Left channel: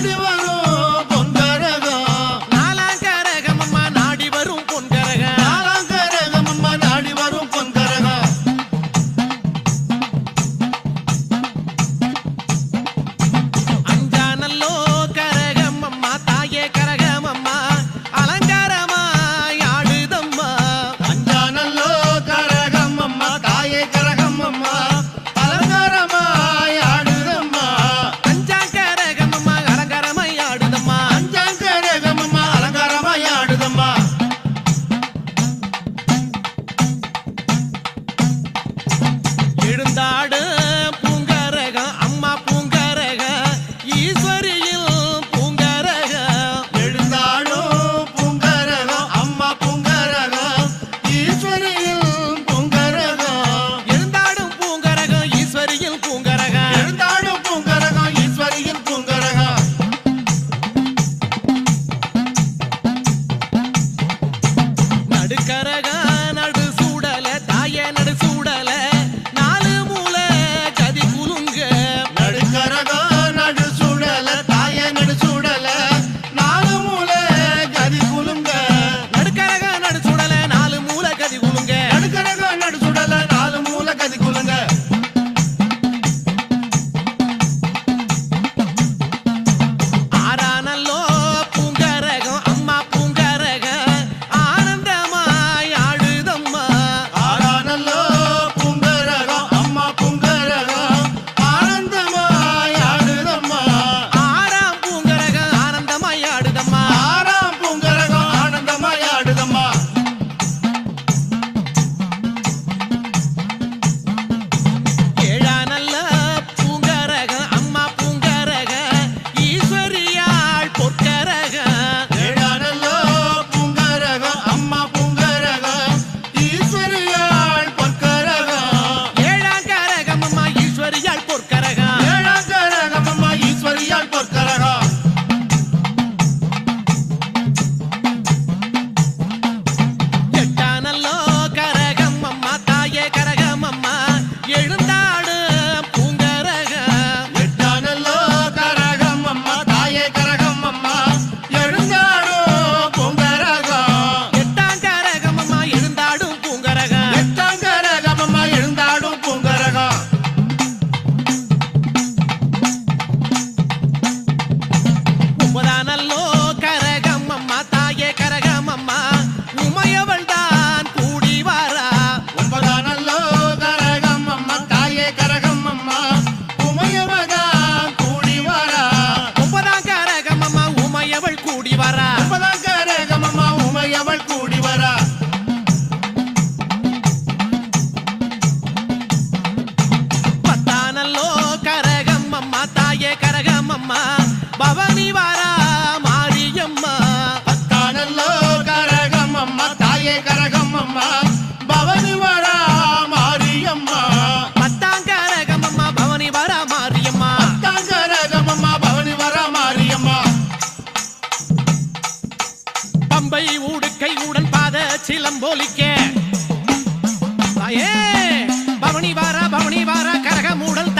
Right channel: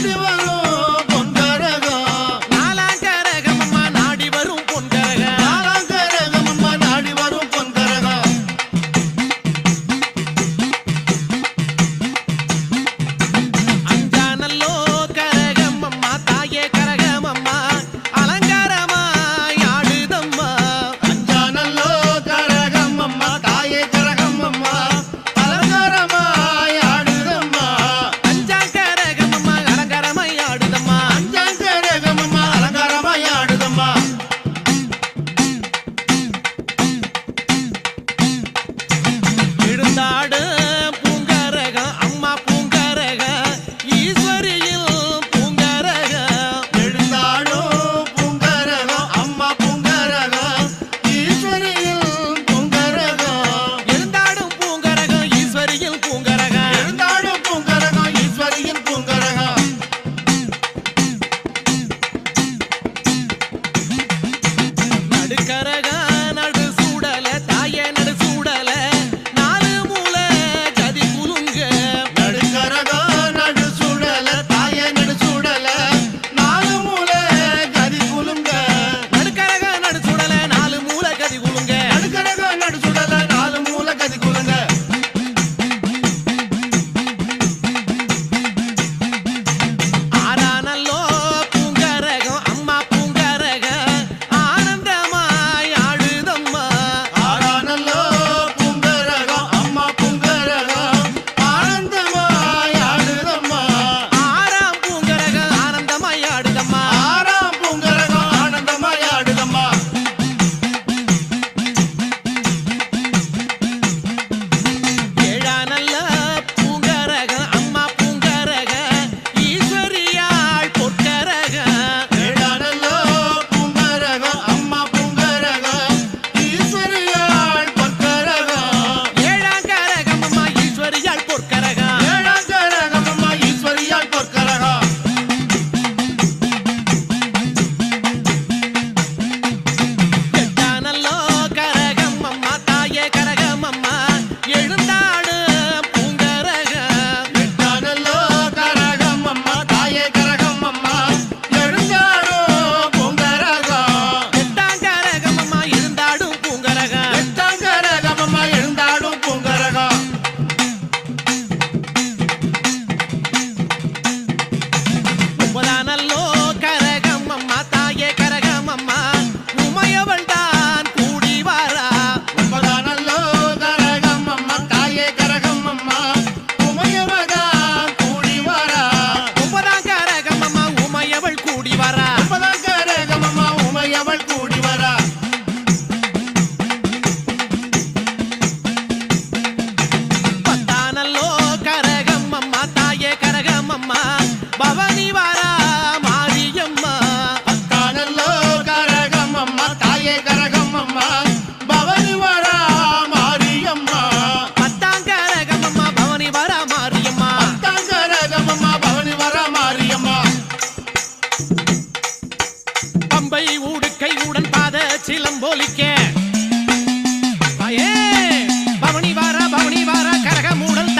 நாடி வரும் பொன்கரகம் நாலாம் கரகம் அம்மா நாடி வரும் பொன்கரகம் நாலாம் கரகம் அம்மா நாடி வரும் பொன்கரகம் அஞ்சானல்லோ கரகம் அம்மா தாயே கரகம் அம்மா அலங்காரமாய் ஆடுதம்மா அஞ்சானல்லோ கரகம் அம்மா தாயே கரகம் அம்மா அலங்காரமாய் ஆடுதம்மா அஞ்சாம் கரகம் அம்மா அலங்காரமாய் ஆடுதம்மா அஞ்சாம் கரகம் அம்மா அலங்காரமாய் ஆடுதம்மா எழுந்தாடு பூங்கரகம் அம்மா பூங்கரகம் ஈஸ்வரியில் பூங்கரகம் எழுந்தாடும் பூங்கரகம் அம்மா பூங்கரகம் ஈஸ்வரியில் பூங்கரகம் எழுந்தாடும் பூங்கரகம் ஈஸ்வரியில் பூங்கரகம் எழுந்தாடும் பூங்கரகம் ஈஸ்வரியில் பூங்கரகம் நடுக்கரகம் நடு சூடல தாயே நடு சூடல நாலு மூலை கதி குலுங்க நடுக்கரகம் நடு சூடல தாயே நடு சூடல நாலு மூலை கதி குலுங்க நடுக்கரகம் நடு சூடல நாலு மூலை கதி குலுங்க நடுக்கரகம் நடு சூடல நாலு மூலை கதி குலுங்க ஆறானல்லோ பூங்கரகம் அம்மா பூங்கரகம் ஆனந்தமாய் ஆடுதம்மா ஆறானல்லோ பூங்கரகம் அம்மா பூங்கரகம் ஆனந்தமாய் ஆடுதம்மா ஆறாம் பூங்கரகம் ஆனந்தமாய் ஆடுதம்மா ஆறாம் பூங்கரகம் ஆனந்தமாய் ஆடுதம்மா ஏழானல்ல பூங்கரகம் அம்மா பூங்கரகம் ஈஸ்வரியாள் பொற்கரகம் ஏழானல்லோ பூங்கரகம் அம்மா பூங்கரகம் ஈஸ்வரியாள் பொற்கரகம் ஏழாம் கரகம் அம்மா ஈஸ்வரியாள் பொற்கரகம் ஏழாம் கரகம் அம்மா ஈஸ்வரியாள் பொற்கரகம் எட்டானல்லோ கரகம் அம்மா தாயே கரகம் அம்மா எழுந்தாடு பூங்கரகம் எட்டானல்லோ கரகம் அம்மா தாயே கரகம் அம்மா எழுந்தாடும் பூங்கரகம் எட்டாம் கரகம் அம்மா எழுந்தாடும் பூங்கரகம் எட்டாம் கரகம் அம்மா எழுந்தாடும் பூங்கரகம் ஒன்பதானல்லோ கரகம் அம்மா தாயே கரகம் அம்மா உமையவள் தான் கூடி வாரா ஒன்பதானல்லோ கரகம் அம்மா தாயே கரகம் அம்மா உமையவதான் கூடி வரா ஒன்பதாம் கரகம் அம்மா உமையவள் கூடி வாரா ஒன்பதாம் கரகம் அம்மா உமையவள் கூடி வரா பத்தானல்லோ கரகம் அம்மா தாயே கரகம் அம்மா பவனி வாரா மாரியம்மா பத்தானல்லோ கரகம் அம்மா தாயே கரகம் அம்மா பவனி வரா மாரியம்மா பத்தாம் கரகம் அம்மா பவனி வாரா மாரியம்மா பத்தாம் கரகம் அம்மா பவனி வரா மாரியம்மா பம்பை ஊடுக்கை உடன் பாத சிலம்போலிக்க தாயே பவனி வாரா கரக மூடல்